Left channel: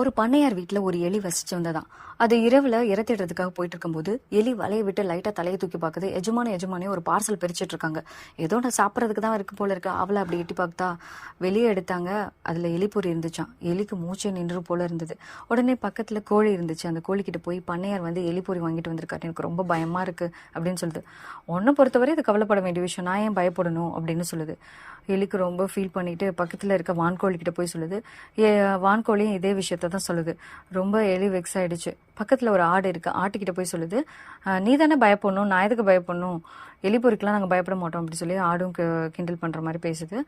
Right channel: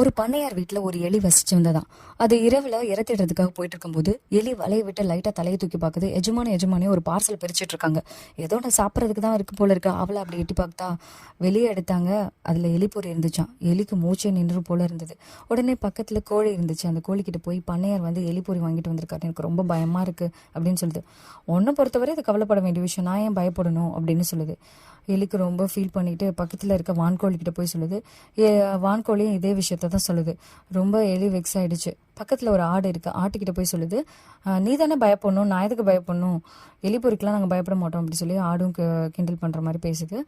ஒரு பண்ணையார் வீட்டில் ஒரு எலி வசிச்சு வந்ததான். அது இரவில் இறத்திடுறதுக்காக போயிட்டு இருக்கும்போது எலி வலையை விட்டு லைட்டாக தலையை தூக்கி பார்க்குது. எஜமானே ஒரு பார்சல் பிரிச்சுட்டு இருக்காங்க. ஏதோ நான் சாப்பிட்றதுக்கு தான் இருக்கு போல இருக்கு. அவளை அப்படி எட்டி பார்த்தா வெளியே எடுத்தாங்க. அதில் எலிப்பொறி இருந்துச்சான். எலிக்கு மூச்சே நின்று போல இருந்தது. உடனே பக்கத்தில் கோழி இருந்துச்சு. அந்த கோழிக்கிட்ட போய் பண்ணையார் வந்து எலிப்பொறி வாங்கிட்டு வந்திருக்காரு, எனக்கு ரொம்ப பயமாக இருக்குது அப்படின்னு சொல்லுது. ஒன்றை பொறுத்தவரை இது கவலைப்பட வேண்டிய விஷயம், நான் ஏன் பயப்படணும் அப்படின்னு சொல்லுது. எலிக்கு ரொம்ப ஃபீல் பண்ணிட்டு பக்கத்தில் இருக்க வான்கோழிக்கிட்ட போய் சொல்லுது. வான்கோழியும் இதே விஷயத்த தான் சொல்லுது. ரொம்ப எலி வெக்ஸ் ஆயிடுச்சு. பக்கத்தில் ஒரு ஆடு இருக்குது, ஆட்டுக்கிட்ட போய் சொல்லுது, நீ தானே பயப்படணும், நான் எதுக்கு பயப்படணும், எலி பொறிக்கெலாம் நாங்கள் பயப்பட மாட்டோம் அப்படி சொல்லி ஆடும் கிண்டல் பண்ணுற மாதிரி பேசுது.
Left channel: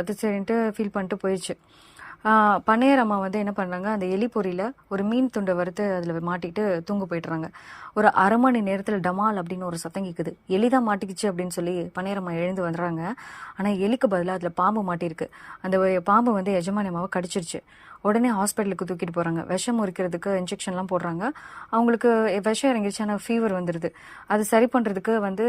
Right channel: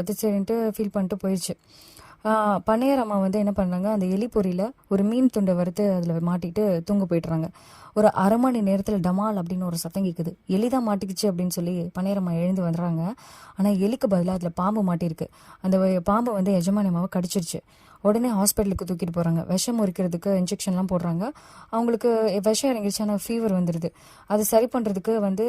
அது சரின்ட்டு ஃபீல் பண்ணிட்டு போயிடுச்சு. பண்ணையார் அம்மா வந்து என்ன பண்ணுறாங்க, அந்த எலி பொரியில் ஒரு மீன் துண்டை வறுத்து அதில் மாட்டிட்டு தூங்க போய்ட்டுறாங்க. ஒரு அரை மணி நேரத்தில் டமால் அப்படின்னு ஒரு சத்தம் கேட்குது. எலி தான் மாட்டிக்கிச்சு அப்படின்னு சொல்லி பண்ணையார் அம்மா எழுந்து வந்துடுறாங்க. ஆனால் எலிக்கு பதிலாக அதில் பாம்பு மாட்டியிருக்கு. அந்த பாம்பு வந்து எஜமானி அம்மாவை கடிச்சிருச்சு. உடனே ஹாஸ்பிட்டலுக்கு தூக்கிட்டு போகிறாங்க. விஷம் முறிக்கிறதுக்கு இன்ஜெக்ஷன்லாம் போடுறாங்க. அவங்களுக்கு விஷம் இறங்கிடுச்சு, ஆனால் ஃபீவர் வந்துடுது. அது சரி பண்ணுறதுக்கு வந்து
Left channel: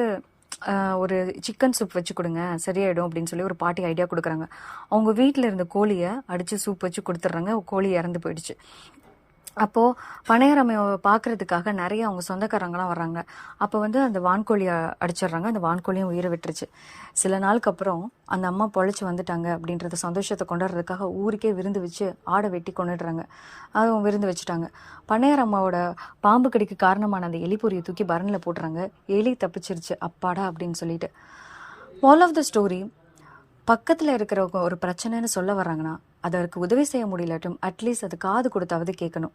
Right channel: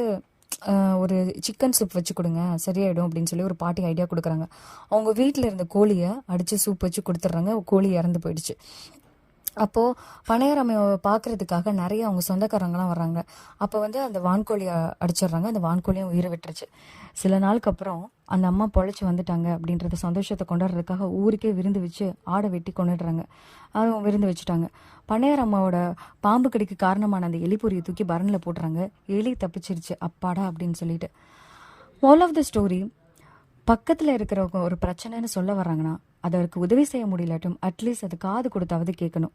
ஒரு சிக்கன் சூப் வச்சு கொடுங்க, சரியாயிடும் அப்படின்னு சொல்லி ஒரு பாட்டி ஐடியா கொடுக்குறாங்க. அவங்க வீட்டில் இருந்த கோழியை அடித்து சூப் வச்சு கொடுத்துட்றாங்க. கோழி இறந்து போயிடுச்சு. அப்போது பனையரமையை பார்க்குறதுக்காக நிறைய அவங்க சொந்தக்காரங்களாம் வர்றாங்க. அப்போ வந்து அந்த வான்கோழியை அடிச்சிடுறாங்க. அந்த வான்கோழியும் உயிரை விட்டுருச்சு. சில நாளுக்கு அப்புறம் அந்த அம்மா பொழைச்சி வந்துட்டாங்க அப்படின்றத சந்தோஷத்தை கொண்டாடுறதுக்காக ஊருக்கே விருந்து வச்சு ஆடை வெட்டி கொண்டுடுறாங்க. அதுவும் விருந்து வச்சுட்டாங்க. பண்ணையார் அம்மாவோட பாம்பு கடிக்கு காரணமான அந்த எலிப்பொரியை தூக்கி பரனில் போட்டுறாங்க. எலி தப்பிச்சிருச்சு, அப்பாடா அப்படின்னு சொல்லிட்டு. ஆல் ஆஃப் த ஸ்டோரி, பக்கத்தில் இருக்கிறவங்க ஒரு பிரச்சனைன்னு சொல்ல வர்றாங்கன்னா அதற்கு உதவி செய்ய முடியலாட்டும் அட்லீஸ்ட் அது காது கொடுத்தாவது கேட்கணும்.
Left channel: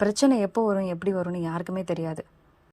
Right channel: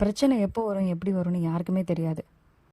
பிரச்சனை எப்போ வரும் எப்படி வரும்னு யாருக்குமே தெரியாது.